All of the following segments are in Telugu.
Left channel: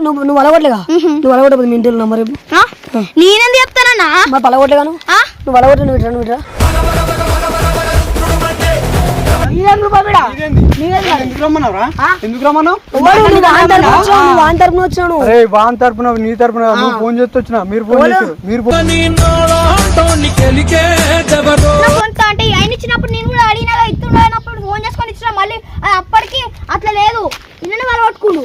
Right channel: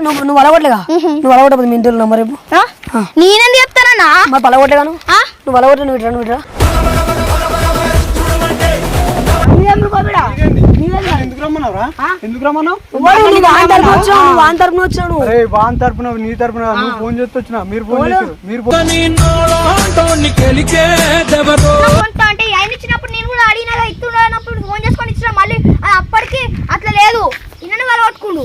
నువ్వు నువ్వు అలగొట్టలేగా నువ్వు అలగొట్టదు మీ ఇంటి నంబర్ రేపు ఆ? నేనేంది చెప్తానన్నా? మా పలగొట్టలేగా నువ్వు? ఆ? నువ్వు అలగొట్ట నువ్వు నీ తరపున నువ్వు ఫోన్ చేస్తే వచ్చిన మీరు ఫోన్ చేస్తారు. మీరు అంటే ఆయన ఇచ్చినప్పుడు నేను కూడా అడిగినా ఇస్తున్నప్పుడు ఫోన్ చేసుకొని ఇచ్చిన మళ్ళీ అది అప్పటికి అట్లా లేదు. ఇన్ననే వాళ్ళు కొట్టుకుండు?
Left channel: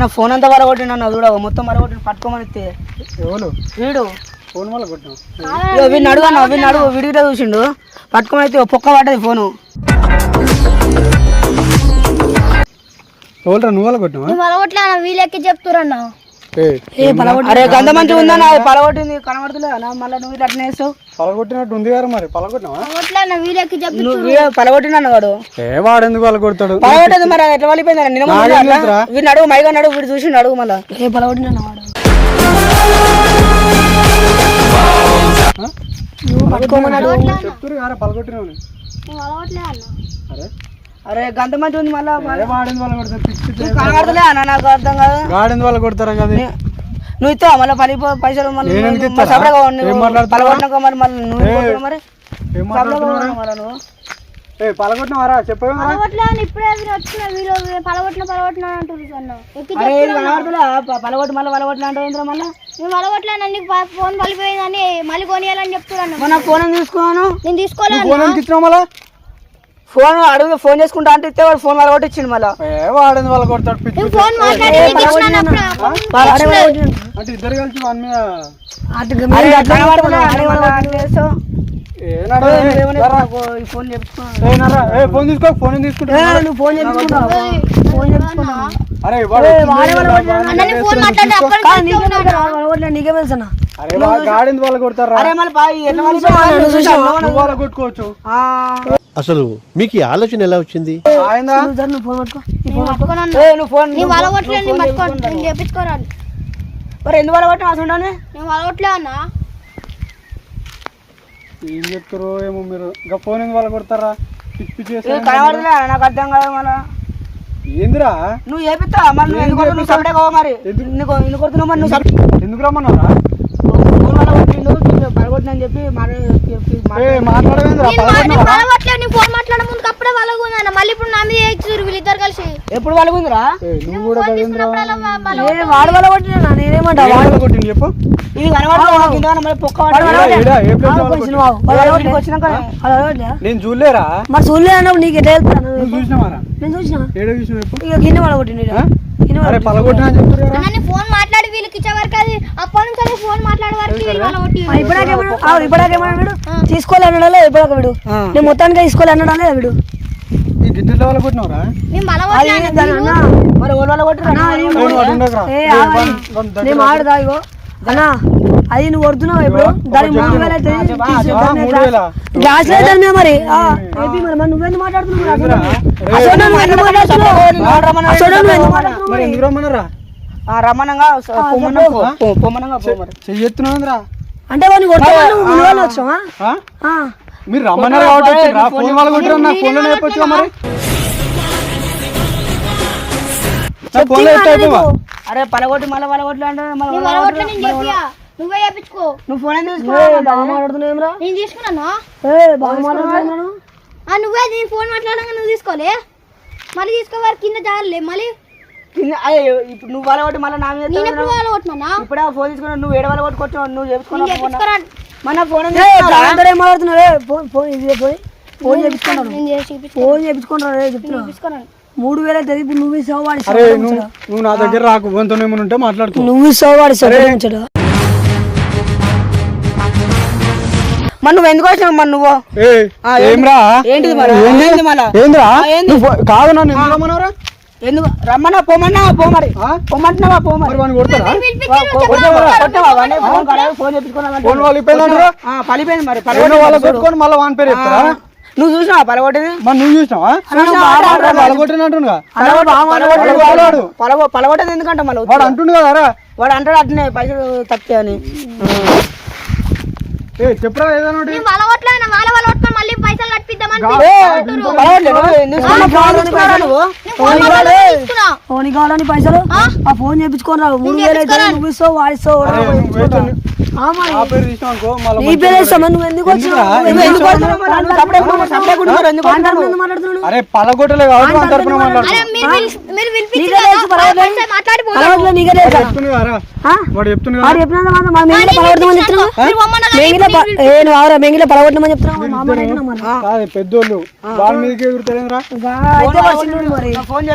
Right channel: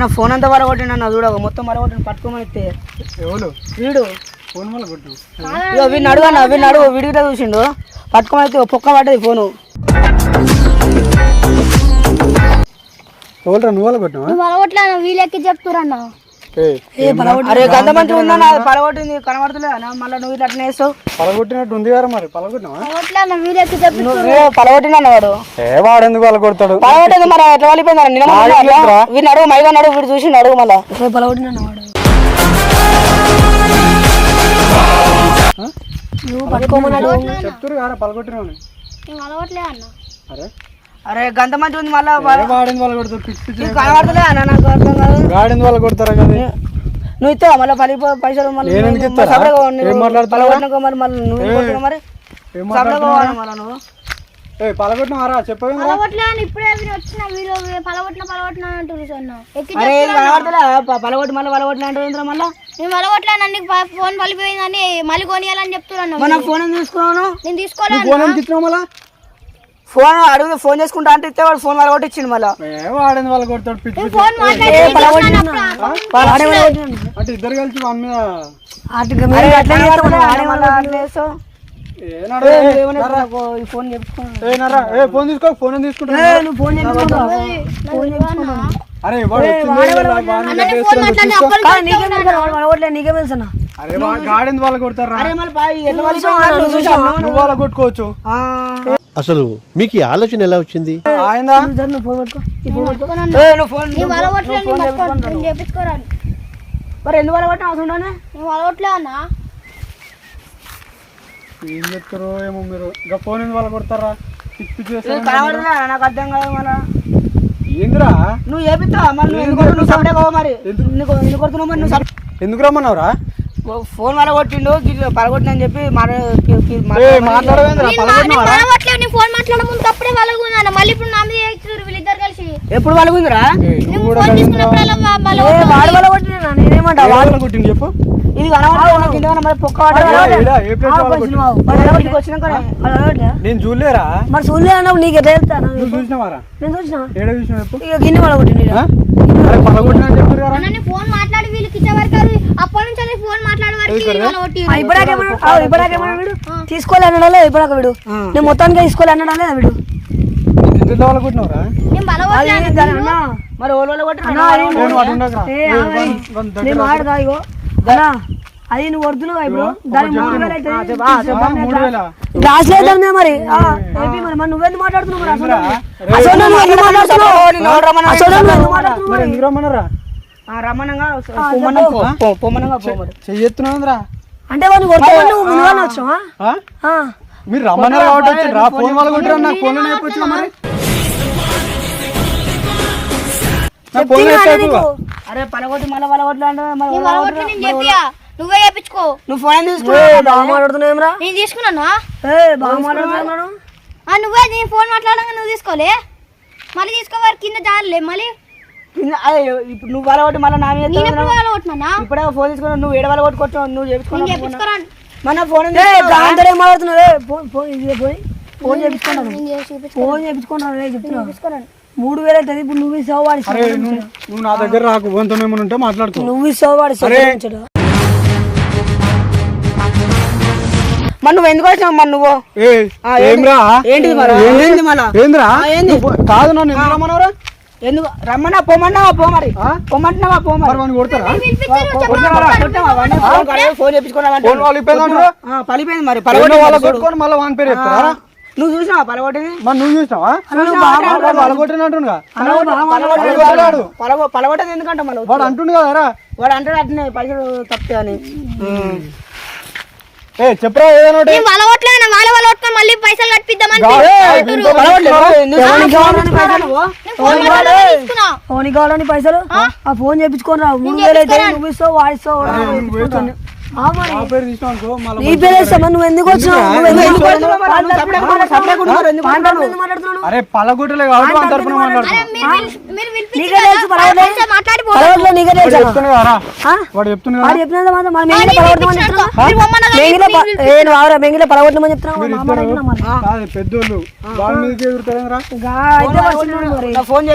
నా ఫోన్ అంతా వరగొట్టి నన్ను చూడ మొత్తం వరగొట్టి పట్టుకోమని ఎవరు వీడు. ఫోన్ వల్ల కొట్టినావు ఇగో వీడిని అడుగు అన్న వీడిని అడుగు వీడిగిట చూసిండు. పట్టుకోమని అయితే పొక్క పడ్డది ఫోను. ఎవరు నువ్వు వల్ల నువ్వు చెప్తురన్న ఏ పలగొట్టి అరే ఉందన్న అది పలగొట్టింది కనబడతలే మళ్ళీ నువ్వు ఇట్లా వేస్తావు పలగొట్టినట్టు ఉంది కదా మరి పలగొట్టిన అన్నవాడు ఏ వాడు? ఎందుకు కొడతాడు? పలగొట్టేది మరి ఎట్లా వాళ్ళిపోయింది నిన్న? వీడిని అడుగు మైగా అడుగు వీడు చూసిండు అడుగు మళ్ళా. పలగొట్టిన అన్నవాడు నువ్వు పట్టుకోమని అడుగు చెప్తురు అన్న. అరే అరే గంట మంచిగా ఉంది మళ్ళీ వాళ్ళ కొడతారు? పిచ్చి పిచ్చి కనబడతలే అన్న నాకు అర్థం కాదు. గాడింది వాళ్ళ కొడతారు కదా నువ్వు ఇస్తావా? మళ్ళీ పని పైసలు మళ్ళీ మాట్లాడుతున్నావు? మరి నువ్వు మరి? ఏం పలగొట్టినావారా చెప్పవేం ఇప్పుడే వచ్చిన వీళ్ళు పలవట్టిన పలవట్టిన అంటుంది అన్న. ఎక్కి అరే ఇది కనబడతలే ప- పలగొట్టి మళ్ళీ మళ్ళీ? నేను పలవట్లే అన్న నీకు ప- ఫోన్ పలిపోయిందని మళ్ళీ కొనియాలని చెప్తున్నాను మన ఫోన్ తీసుకున్నాను నేను ఫోన్ మళ్ళా? ఫోన్ అడుగు ఫోన్ చేసుకుంటా అంటే ఇస్తే వాడు ఫోన్ పలగొట్టి ఇచ్చిండు మళ్ళీ. ఏ వాడింది వాళ్ళ కొడతాడు పిచ్చి అంటే ఇద్దరు కలిసి వాని మీద. ఫోన్ తీసుకో ఫోన్ తీసుకుంటా నువ్వు ఫోన్ అరే వాడిని నీకే తెలుసు? అరే వాళ్ళ కొడతారా అరే మళ్ళీ పా- ఎట్లా పలిపోయాడు చూసావా? నువ్వు వాళ్ళ కొట్టుకోవచ్చు. ఆ. అసలు మీకు ఈ ఆలోచన ఎలా వచ్చింది. ఏ, మరి చెప్తారో ఏమో మీరు. ఇంకా ఫోన్ ఎందుకు వాళ్ళ కొడతారా? పిచ్చి చేస్తారు. నాకు అర్థం కాదు మళ్ళా. ఏందిరా? నువ్వు చేపిస్తావా? మరి నువ్వు ఎందుకు కొడుతున్నావు? నువ్వు సపరేట్ కావు మరి. ఎందుకు? ఎందుకు కొడుతున్నావు మరి? నువ్వు ఎందుకు రమ్మన్నావురా? ఫోన్ పలగొట్టిండు కింద పలగొట్టినని చెప్పి మన ఏ మాట్లాడవేందిరా నేను మా- నేను పలవట్లే నేను ఫోన్ మాట్లాడే ముందు అప్పుడే పలగుందన్న మళ్ళీ ఇప్పుడు నా మీద చేస్తున్నారు వీళ్ళిద్దరు కలిసి. ఎప్పుడు పలగుందిరా ఏ, నువ్వు కూడా ఫోన్ తీసుకున్నప్పుడల్లా వా- పలవ- ఏ వాడు కొట్టింది చెప్పు. ఇది నేను చూడలేరా? మరి చూడలేదు నీకు ఎట్లా వెళ్తాను నువ్వు? చూసినావారా నేను చూసిన. ఏడ చెప్పు? గిన్నె? అరే నేను ఫోన్ మాట్లాడి వీళ్ళకి అప్పటి ఇప్పుడాకేమన్నాడు తీసుకోలే అన్నాడా? ఇప్పుడాక వీడు. నేను మొత్తానికి తీసుకోలే అన్నాడా? వీడు? అది నువ్వు ఇప్పుడు? గ్లాస్ లేదు దాని మీద మరి. నువ్వెందుకు మాట్లాడుతున్నావు మరి? అసలు? రే, అసలు నువ్వు ఎందుకు మాట్లాడుతున్నావు అసలు నువ్వు ఎందుకు మాట్లాడుతున్నావు? పొమ్మనంగా చెయ్యెత్తున్నావురా అంటే మునివాళ్ళు వచ్చావా? మీరు కాబట్టి ఫోన్ వాళ్ళ కొట్టిరా నాకు ఫోన్లో చెప్పొచ్చుగా మరి? నా ఫోన్లో చెప్పు అరే పలగొట్టి మళ్ళీ పలగొట్టి అంటే మరి నువ్వు నువ్వే చేపించుకో నువ్వు ఫోన్ తీసుకో బాగా మాట్లాడుతున్నావురా? నేను తీసుకున్నానా? బాగా మాట్లాడుతున్నాను ఆ, నువ్వే నేను ఫోన్ మాట్లాడగా నువ్వు తీసుకోలే. మళ్ళీ తీసుకోవాలి కింద జాలే మళ్ళీ కింద- అదే ఇప్పుడు నువ్వు పలగొట్టి మళ్ళీ నా మీద ఇప్పుడే ఫోన్ తీసుకున్నావు నువ్వు ఏడు పలగొట్టి కొట్టావు నువ్వు నేను చేపించుకున్నావు మన ఫోన్ దాంతో ఏం మాట్లాడుతున్నావు? ఫోన్ ఫోన్ ఇది పోయి ఫోన్? చేపించుకున్నాను ఫోన్ తీసుకోరాను మూడు వేలు అవుతుంది ఇప్పుడు నువ్వు ఇస్తావు వాడి నువ్వు నా దగ్గర రాకు ఫోన్తో ఏమైనా ఉంటే మాట్లాడుకో. నువ్వు ఇస్తావు వాడి మరి నువ్వు ఎందుకు వచ్చినావు మరి నువ్వు? ఏంటిది మరి? మళ్ళా? ఏందిరా? పో- కాదు నన్ను ఎందుకు? రమ్మన్నా పోమన్నావా పో మరి. ఆ? పొమ్మంటున్నావా పో మరి. మరి వాడిని కొడతారా? ఫోన్ పలిపోయింది మరి మళ్ళీ వాని పేరు చెప్తారా? నువ్వు చూసినావా పలగొట్టింది? మరి నువ్వు చూసినావా? పలగొట్టదు ఎందుకంటే మళ్ళీ వాడు అంటుండు కదరా వాడు అంటాడు అట్నే పైసలు తప్పితే అని. ఏ చెప్పరా ఏదైనా ఒకటి. వాళ్ళ మళ్ళీ పైసలు కట్టిద్దామని ఫోన్ తీసుకున్నా. ఫోన్ కావాలని పైసలు? ఆ? ఫోన్ చేపించుకొని రావు మూడు వేలు అయితే నువ్వు ఇస్తావు వాడిస్తావు అరే నువ్వు వేస్ట్ ఆ మరి. నా పేరు తీసినావు అనుకో మళ్ళీ నీ పేరు వేస్తావు? నువ్వు ఎందుకు వచ్చినావు? నువ్వు ఎందుకు సపరేట్ సపరేట్ మాట్లాడుతున్నావు? అరే పలగొట్టలే కాబట్టి మన తరపున మాట్లాడుతున్నా అరే మీరు పిలిచి- మీరు? చెప్తున్నా పెద్దోళ్ళు. వాళ్ళ మీదకి ఫోన్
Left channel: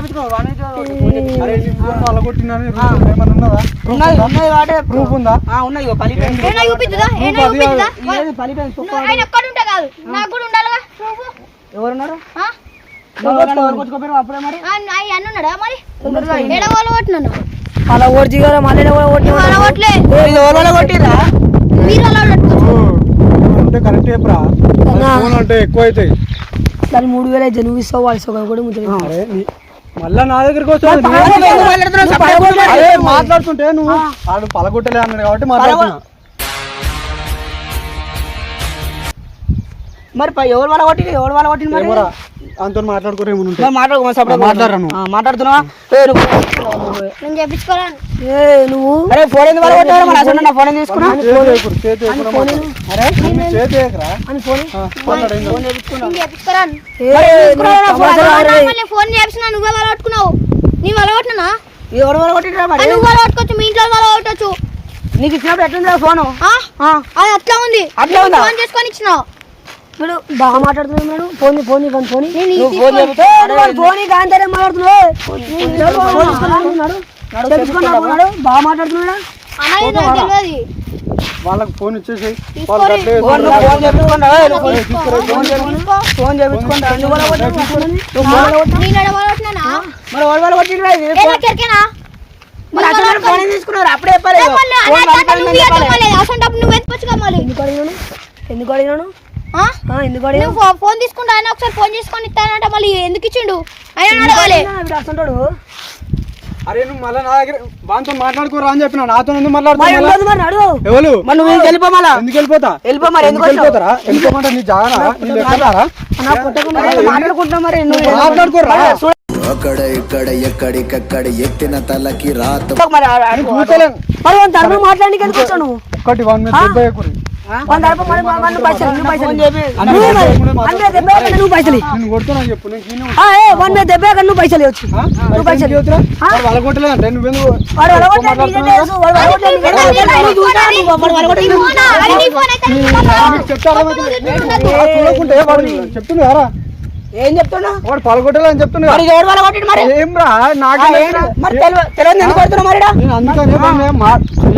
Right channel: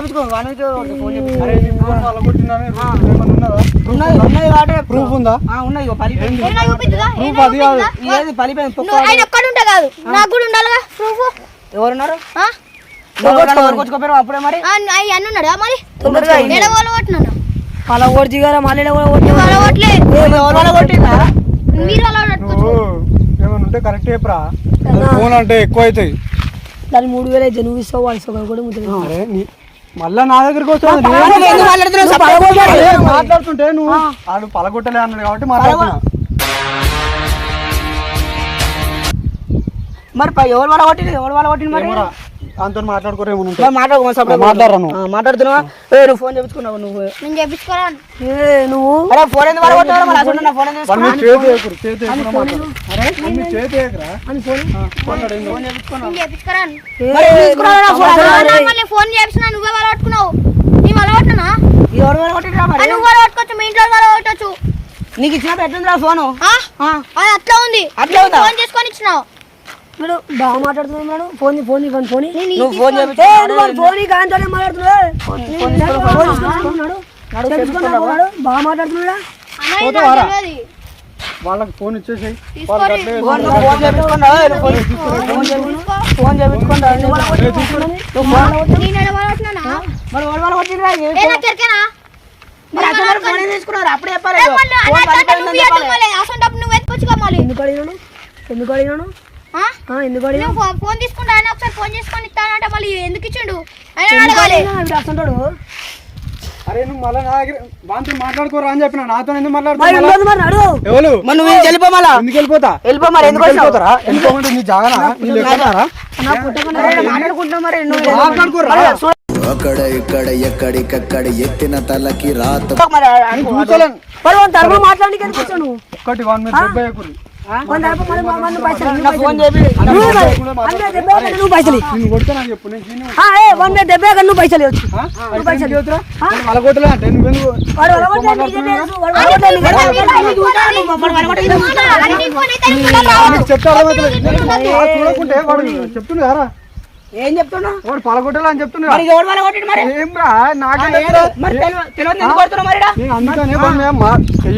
ప్రూఫ్ ఉందా? ఉన్నది? పలిపోయింది పలిపోయింది నాకు కూడా ఉండాలిగా ప్రూఫ్ ఎవరున్నారు? అప్పుడే మరి? కొట్టినాను అలా ఓడి దిగారా మళ్ళీ కరెక్ట్ చెప్పరా? ఫోన్ అంటే ఎక్కువ అవుతాయి దాని మూడు వేలు ఇస్తావు వాడు కూడా నీ మళ్ళా నా దగ్గరికి వచ్చావు మాట్లాడుతుంటే నువ్వు ఆడు పలగొట్టలే అన్నాడు కాబట్టి మాట్లాడుతున్నా మరి పై- ఎవరు వాళ్ళ కొట్టింది ఎవరు వాళ్ళ కొట్టింది మరి? అంతో మాట్లాడుకోరు ఏమైనా మాట్లాడుతున్నావా? ఫోన్ నేను ఏ నువ్వు? అరే ఫోన్ ఎందుకు మరి అసలు నా ఫోన్ ఎందుకు తీసుకున్నా. అరే? చేతి. అని ఫోన్ ఫోన్? ఫోన్ నువ్వే నీ ఎవరు మరి? మీ ఇంట్లో నీకు ఇచ్చినప్పుడు ఎట్లుందిరా ఫోను? అది అట్లా ఉంది. అట్లా ఉందా? ఫోన్ చేసుకొని ఇచ్చినావు. వీడు బాగా మాట్లాడుతున్నాడు ఫోన్ ఫోన్ ఫోన్ ఫోన్ నువ్వు ఫోన్ చేపిస్తే ఫోన్ కాంతారే మాట్లాడుతున్నావు బాగా మాట్లాడుతున్నాడా? వాళ్ళకి ఫోన్ అట్లే ఫోన్ ఫోన్ చేపించుకోండి ఫోన్ చేపించుకో. ఫోన్ చేపించుకోండి నువ్వు వాళ్ళ కొట్టిండ్రా? నువ్వు ఫోన్ వాళ్ళ కొట్టిండ్రా? నేను ఎడ పట్టుకున్నా మరి అసలు ఫోన్ తీసుకున్నారు? అప్పుడే చెప్పాలి ఫోన్ ఎందుకు అడిగాను ఎందుకు అడిగాను? ఆ? ఆ, ఎందుకు నువ్వు ఫోన్ తీసుకుంటా ఆయన ఒకసారి ఫోన్ చేసుకొని ఇస్తానంట మళ్ళీ ఎందుకు ఇచ్చిండు? ఆయన అడగాలి అరే నువ్వు మళ్ళీ నా దగ్గర వాళ్ళతో మాట్లాడుకోరా అని చెప్పిన నాతో ఎందుకు వెళ్ళిపోతా? వెళ్ళిపోతారా? వెళ్ళిపోమంటే నీ జాగరా మరి నువ్వు మాట్లాడుకోరా? అక్కడ ఇక్కడ ఎక్కడికక్కడ ఎత్తిన తలకి రాత మరి ఒక్కటి వన్ మీద నువ్వు పైసలు పైసలు. పైసలు. వాడి మీద దెబ్బ నువ్వు పైసలు ఇవ్వచ్చు. నువ్వు పైసలు. ఇవ్వు. వాళ్ళ కొట్టలే అంటే నువ్వెందుకు వాడు వలగొట్టలేదు, నీకే తెలుసు. వాడు వలగొట్టలేదు, నీకే తెలుసు. నువ్వు చూసావా? నువ్వు వాడు వలగొట్టలేదు. అరే నీ ఫోన్ అయితే ఇస్తున్నా. నీకు చెప్తే అర్థమవుతుంది ఆ చూడకుంటే వాడు చెప్తుంది కదా ఏం చెప్తున్నా? వాడు పలగొట్టలే అని చెప్తుంది మరి ఏం రా నాకే? మరి తెలవ- తెలియదు ఎందుకు కొడుతున్నావు మరి అందుకనే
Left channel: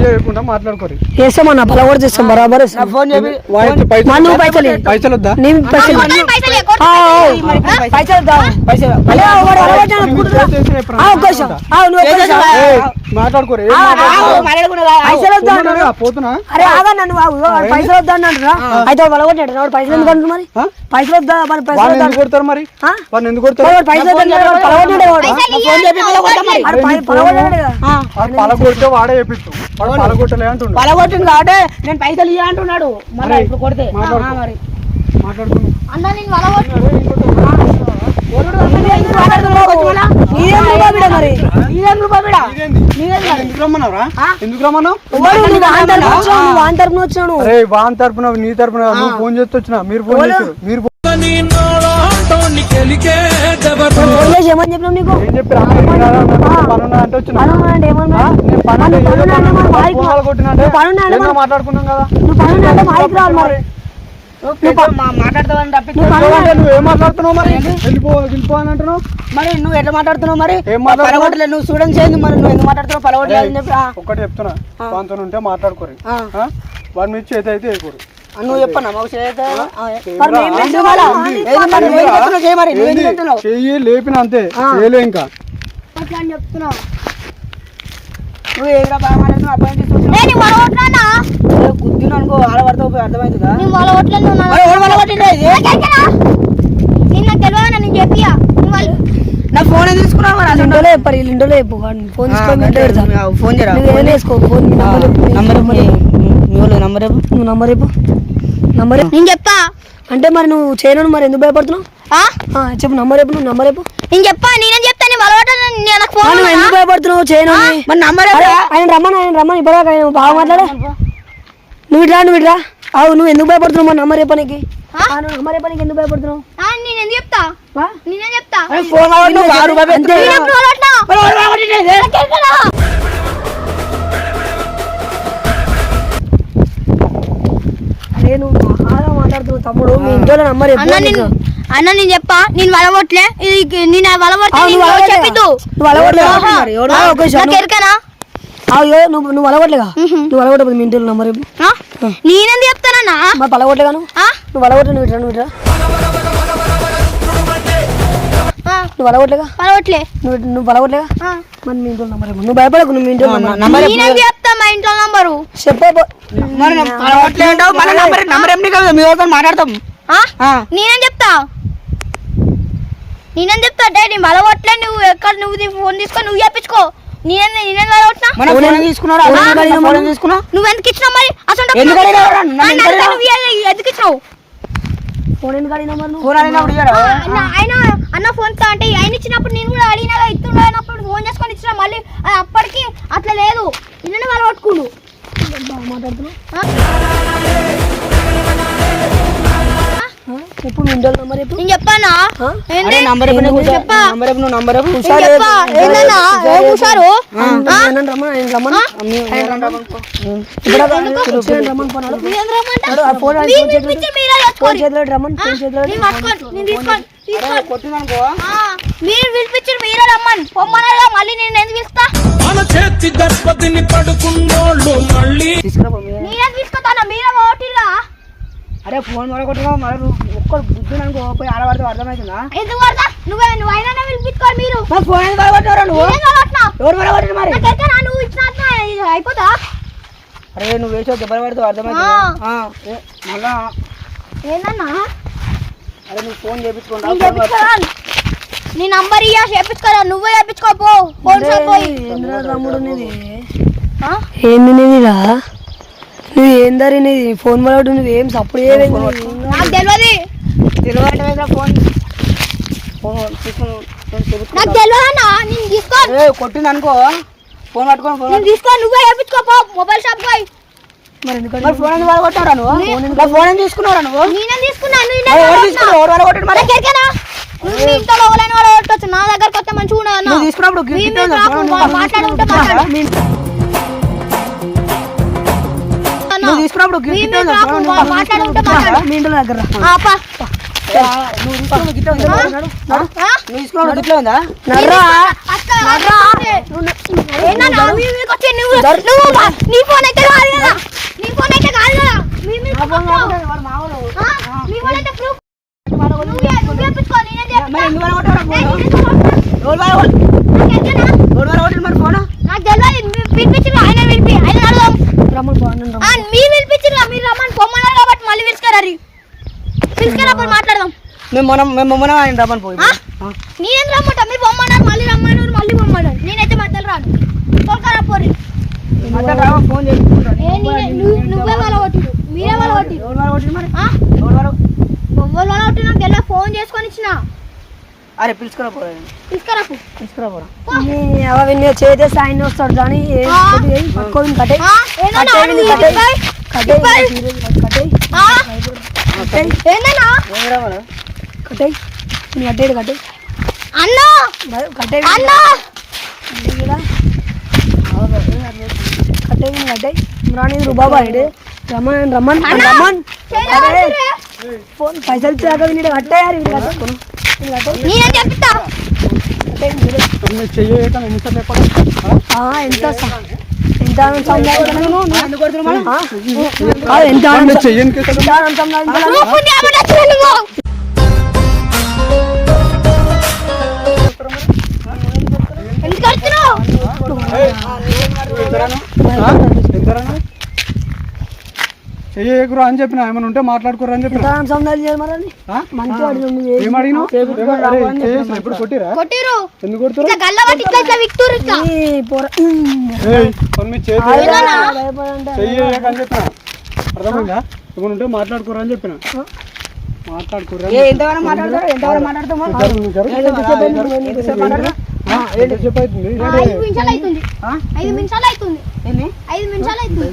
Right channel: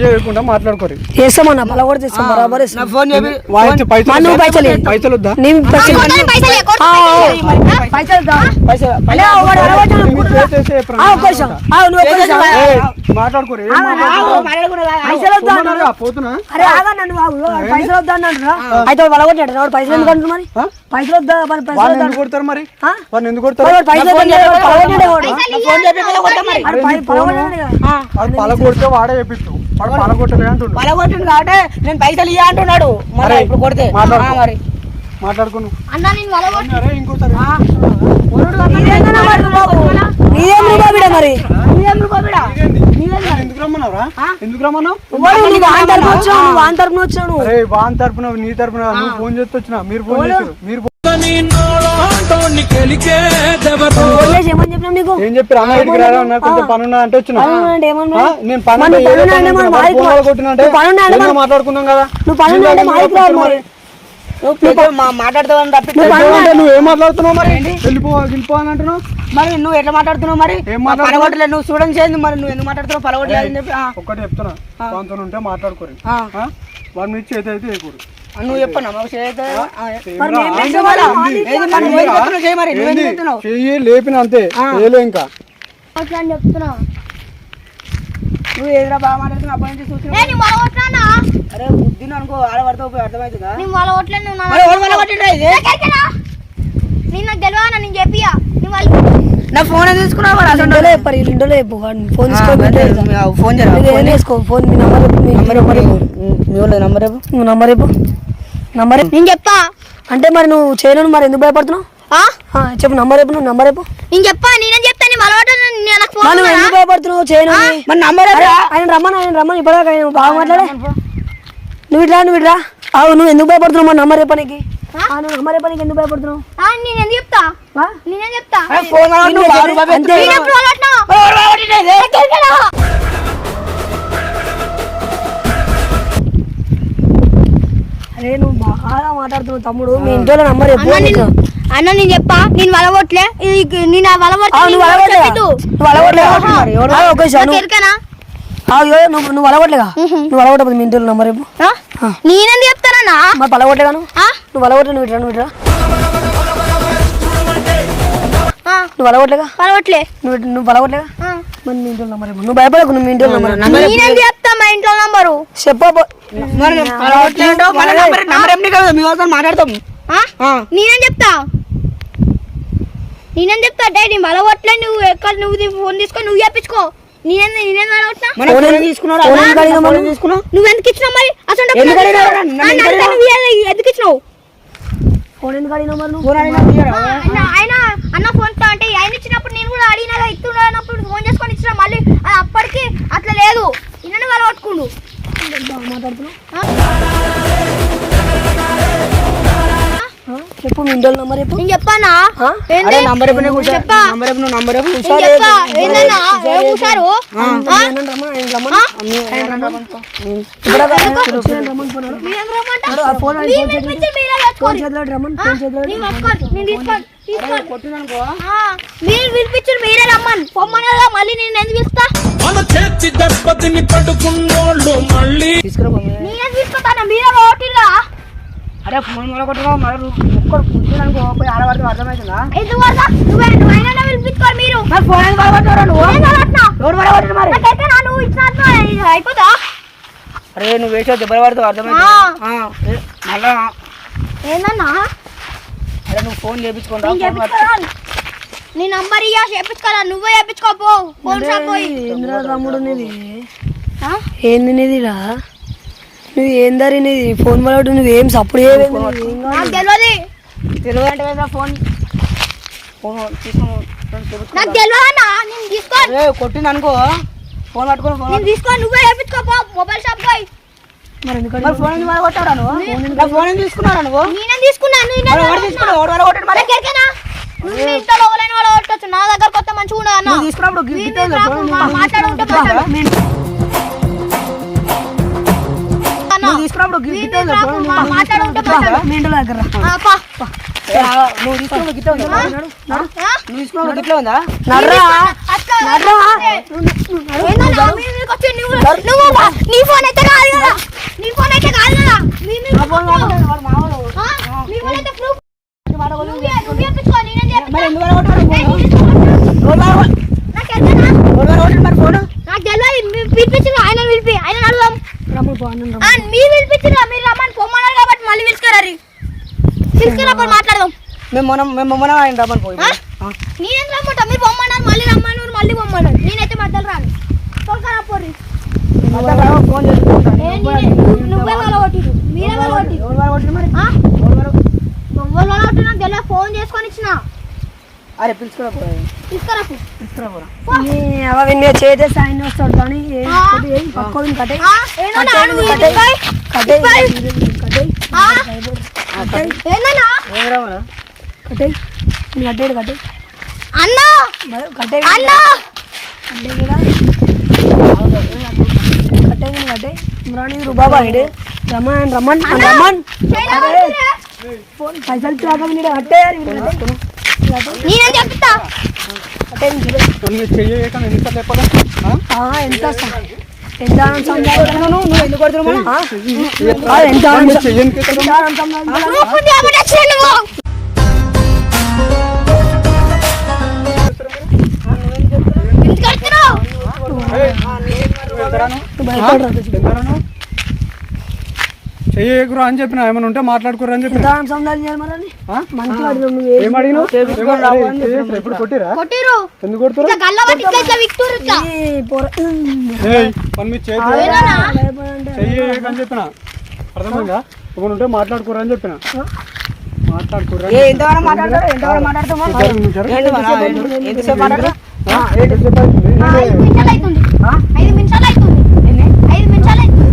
చెయ్యకుండా మాట్లాడుకోరు. చేస్తామన్నా పల కూడా చేస్తాం బరాబర్ నువ్వు పైసలు. పైసలు వద్దా? నీ పైసలు మాట్లాడుకోరు? పైసలు వద్దా? పోతున్నా? అరే ఆగు. వాడు పైసలు వద్దా అన్నాడు అయితే వలగొట్టాడు వాడు పైసలు ఎందుకు అంటున్నాడు మరి? పైసలు వద్దా? మరి పైసలు ఎందుకు కొడతారు మరి? వాళ్ళని ఎందుకు కొడతారు? పైసలు పలగొట్టాడు పలగొట్టాడు పలగొడితే వాడే. చెప్పించు పలగొట్టిండు కాబట్టి నేను పైసలు ఇయ్య అంటున్నాడు మరి ఇప్పుడు కొడితే మరి అన్న నేను నీ తరపున నువ్వు ఫోన్ చేస్తే వచ్చిన మీరు ఫోన్ చేస్తారు మీరు ఏమని చెప్పినాం నీకు? ఏం చెప్పి అంటే వచ్చిన? మాట్లాడుకున్నాం కదా. నువ్వు పనున్నా అంటే రావాలి మరి. మాట్లాడుతున్నావు మరి? అంటున్నావు? మరి నువ్వు ఎట్లా మాట్లాడుతున్నావు మరి? పలగొట్టలేదు నువ్వు స్టూడెంట్స్ ఏంది మరి. నువ్వు ఎందుకు మాట్లాడుతున్నావు? పలగొట్టలేదు అని చెప్పి ఆ, ఒక్కటి చెప్తున్నా. ఉంటే మాట్లాడుకోరు? వాడి మీద చేతి అయితే వేయకూరు నువ్వు చెప్పన్నా మాకు? చెయ్యి లేపిన అంతే చేయలే ఇంకా అట్లా అని చెప్తున్నావు నువ్వు ఏదిరా బాగా మాట్లాడుతున్నావు ఏ బుద్ధిని అనుకో పోయి అర్థమైందిగా నీ ఫోన్ తీసుకున్నావు? ఇండోలో చెప్పారు ఇండోలో చెప్పు ఫోన్ ఫోన్ చేయరా ఏం వేసుకో ఫోన్ మీ number number number number number number. నేను చెప్తా అంటే మరి నువ్వు చేయను మరి ఎందుకు భయపడుతున్నావు? చెప్పు నంబర్ చెప్పు నువ్వు నంబర్ చెప్పు. నేను చెప్పా నేనేం చెప్తా నీ మొల కొట్టదు నాకు ఫోన్? ఎందుకు భయపడుతున్నావు చేయను మరి నంబర్ ఆయన రమ్మని ఆయన రమ్మని ఇప్పుడు ఆయన బాగా మాట్లాడే నువ్వు ఇట్లా నువ్వు ఇట్లా. అవు నువ్వు ఎందుకు భయపడుతున్నావు మరి నంబర్ నువ్వు చెప్పడానికి ఎందుకు భయపడుతున్నావు? ఆ, నేను ఎందుకు చెప్తా? నేనేం చెప్తా? ఫోన్ అంతే. నేను తమ్ముడు. మీ ఇంట్లో నంబర్ అన్న నేను అన్న నేను చెప్పా. నేను వలవట్లే ఇది నేను నువ్వు. నువ్వు నువ్వు ఎరకనా? అయ్యో నువ్వు నువ్వు అలవట్లేగా నువ్వు అలవట్లేదు మీ ఇంట్లో నంబర్ ఆ? నేనేంది చెప్తానన్నా మా పలగొట్టలేగా నువ్వు? అలవట్లేదు నువ్వు ఇట్లా నువ్వు ఇట్లా ఆ, నువ్వు అలవట్లేగా నువ్వు నువ్వు పలగొట్టలేగా ఆ. మరి మీ ఇంట్లో నంబర్ నువ్వు భయపడకు నువ్వు మీ ఇంట్లో నంబర్ మా ఇంట్లో నంబరు? చెప్పు మరి మేము అలవాట్లే ఉంటావు, మళ్ళీ నంబర్ నంబర్ ఏం నీకు మీ వాళ్ళతో మాట్లాడతాం. ఆ? ఆ. నేనేం చెప్తా? నేనేం చెప్తా? వలవట్లే నువ్వు ఎక్కడ నువ్వు ఫోన్ తీసుకొని నువ్వు చెప్పించుకో నువ్వు ఎందుకు ఇచ్చినావు మరి? అసలు ఎందుకు ఇచ్చినావు? ఫోన్ ఎందుకు అడిగినావు మరి నువ్వు ఫోన్ అయినప్పుడు ఇయ్యరా? ఆ, అన్న ఆయన అన్న ఫోన్తో అంటే ఆయన ఇచ్చినప్పుడు నేను కూడా అడిగినా ఇస్తున్నప్పుడు ఫోన్ చేసుకొని ఇచ్చిన మళ్ళీ అది అప్పటికి అట్లా లేదు నిన్న వాళ్ళు కొట్టుకుండు బాగా మాట్లాడుతున్నావు? చెప్పు మీ ఇంట్లో నంబర్ చెప్పు. నేను చెప్పానా? ఆ? ఏంది? అరే నంబర్. చెప్పా. నంబర్ నువ్వు నంబర్ ఏందన్నా? ఏం రమ్మని రమ్మని. రమ్మని. ఇప్పుడు రమ్మని పోనాడు ఆ ఫోన్ చేతిలో ఫోన్. చేతిలో రమ్మని. ఫోన్ చేతిలో నేను పట్టుకోను, నేను తీసుకోను, మీరు పిలిపించారు మీరే రమ్మని. పొమ్మన్నారుగా మళ్ళీ నేను ఎందుకు పిలుస్తా మన చేతి దెబ్బతిని పడుకున్నోళ్ళు మళ్ళీ అరే ఫోన్ మొదలు కొట్టుకో మరి ఒక్కడు కూర్చున్నానుకో పోయి ఆడవాడితో అర్థమవుతుందా? ఎందుకు పడతా నువ్వే నువ్వైనా పిలిపించుకోవాలి మీరు. మరి ఫోన్ ఎందుకు పడగొట్టావురా నువ్వు? ఎవరు పడగొట్టారు మరి? నాకైతే నా నువ్వు ఇచ్చినట్టు ఇది అయిపోతా అరే నువ్వు వేసే దెబ్బలు పడుతూ మళ్ళా. ఏందన్నా? అరే నువ్వు ఫోన్ చేయించుకుంటా నేను చేపించుకోరా నీ నంబర్ ఇయ్యా చేపించుకోరా. నువ్వే చేపించుకోపో ఫోన్ షాప్ పోయి. తమ్ముడు నీది? ఆ? ఏంది నీదిరా నువ్వు ఏం దారి నీది? ఫోన్ పడవడం నువ్వు ఏం సప్పుడు చేయలేదు నాకు తెలియదు తెలియదు ఫోన్. ఫోన్ నాకు తెలియదన్నా నేను తీసుకో కొట్టింది అనుకో. ఫోన్ పట్టుకొని ఫోన్ తీసుకో నువ్వే చేపించుకోపో మొబైల్ షాప్ పోయి. మరి ఫోన్ ఎందుకు పడగొట్టారా నువ్వు? నా ఫోన్ ఎందుకు తీసుకున్నారా నువ్వు? నేనే తీసుకున్నాను? నేనే. తీసుకున్నావు పడగొట్టాడు మరి? ఇంట్లో లోపలైన వాడు కొట్టొచ్చు నా దగ్గర కొత్త మంచిగా ఉండదు అన్న. తీసుకున్నప్పుడు మాట్లాడుకుంటే మాట్లాడు. అన్న. మరి ఫోన్. నాకు తెలియదు పిలిపించిన ఆయన పిలిపి ఆయన ఆ, మీరు పిలిపించిన మీరు రమ్మని పొమ్మన్నారు కాబట్టి మళ్ళీ పిలుచుకరారు పిలుచుకున్నప్పుడు మాట్లాడదాం. మేము మనం మేము మనం ఆయన రమ్మని పోయి? నేనేం రమ్మంటా? మీరు పొమ్మన్నారు మళ్ళీ రమ్మన్నారు మళ్ళీ పొమ్మన్నారు. నేనైతే మధ్యలో రాను. తొలకరా పోరి. మధ్య ఫోన్ చేసుకుంటాను ఏ, నేనే- నువ్వు- నువ్వే వలగొట్టిరు మీరే? ఎవరు ఫోన్ చేసుకొని ఇచ్చిన. అరే పిలుచుకురా పోరా. మీద వస్తాడు కట్టే ఆ? ఏందన్నా? నువ్వు కట్టే ఇది కట్టే కట్టే ఆ? ఏందన్నా ఏమిరా మనం? కట్టే నీ అడ్డేడు కట్టే అన్నా. కట్టే అన్నా. కట్టే కట్టే రాని రుబాబా ఇడు రమ్మన్ రమ్మన్ రమ్మన్ అరే, పైసలు ఇచ్చాక నేను కట్టేయాలి వీడు నేనేం చెప్తా ఎంత ఎంత ఎందుకు కేసు ఎంత సంపాదించావు? నువ్వు పుణ్యామట వచ్చి నువ్వు ఎందుకు కడుతున్నావు చెయ్యకురు అని చెప్పిన? ఏమైనా ఉంటే మాట్లాడుకోరు అని చెప్పిన? చేసి ఎప్పుడు కొట్టిరా ఎందుకు కొడుతురు చెప్పిన? అర్థమైందా? ఏమైనా ఉంటే మాట్లాడుకోరు అని చెప్పిన? మాట్లాడుకోరు? ఆ, ఐదు నిమిషాలు అవుతుంది ఐదు నిమిషాలు అవుతుంది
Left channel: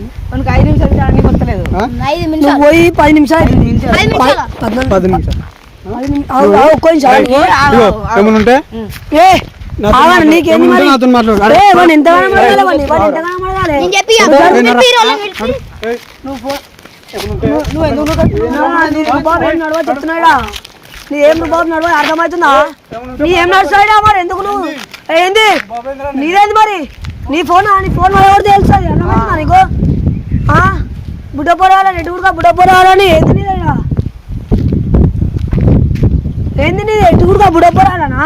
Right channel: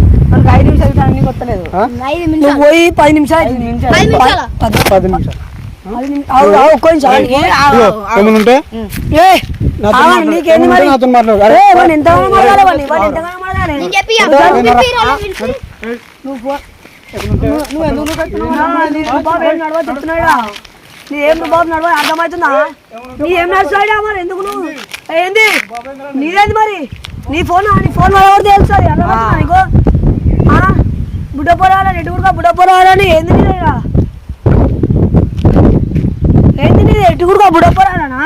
నువ్వు పోయి పది నిమిషాలు పది నిమిషాలు. నీకేంది మరి? ఎంతగానో మాట్లాడాలి నువ్వు నువ్వు ఎందుకు నడవ అర్థమవుతుందా? నీ ఏం నడుస్తాయిరా మరి? ఎందుకు నువ్వు? ఏంది? నీదేంది మరి? నీ ఫోన్ నీ ఫోన్ ఎవరు తెలుస్తుంది. అర్థమవుతుందా నీకు? బుడ్డ పొరాలని ఎటుకుడుగా బుడ్డ పొరాలని ఏంది నీదేరా ఏంది నీది? ఎటుకుడుగా బుడ్డ పొరాలనా